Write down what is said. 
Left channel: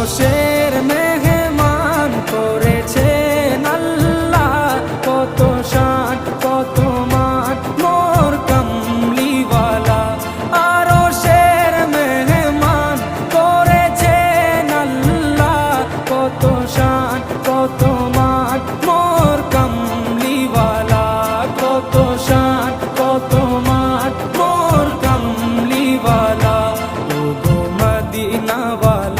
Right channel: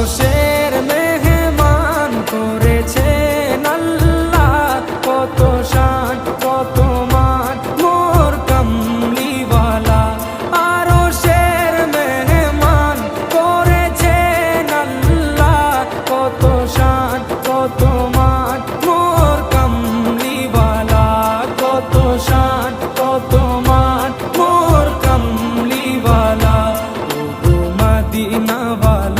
আরশের মেহমান করেছেন আল্লাহ, কত শান কত মান মোর কামলিওয়ালা। আরশের মেহমান করেছেন আল্লাহ, কত শান কত মান মোর কামলিওয়ালা, কত শান কত মান মোর কামলিওয়ালা। ও গো মদিনাওয়ালা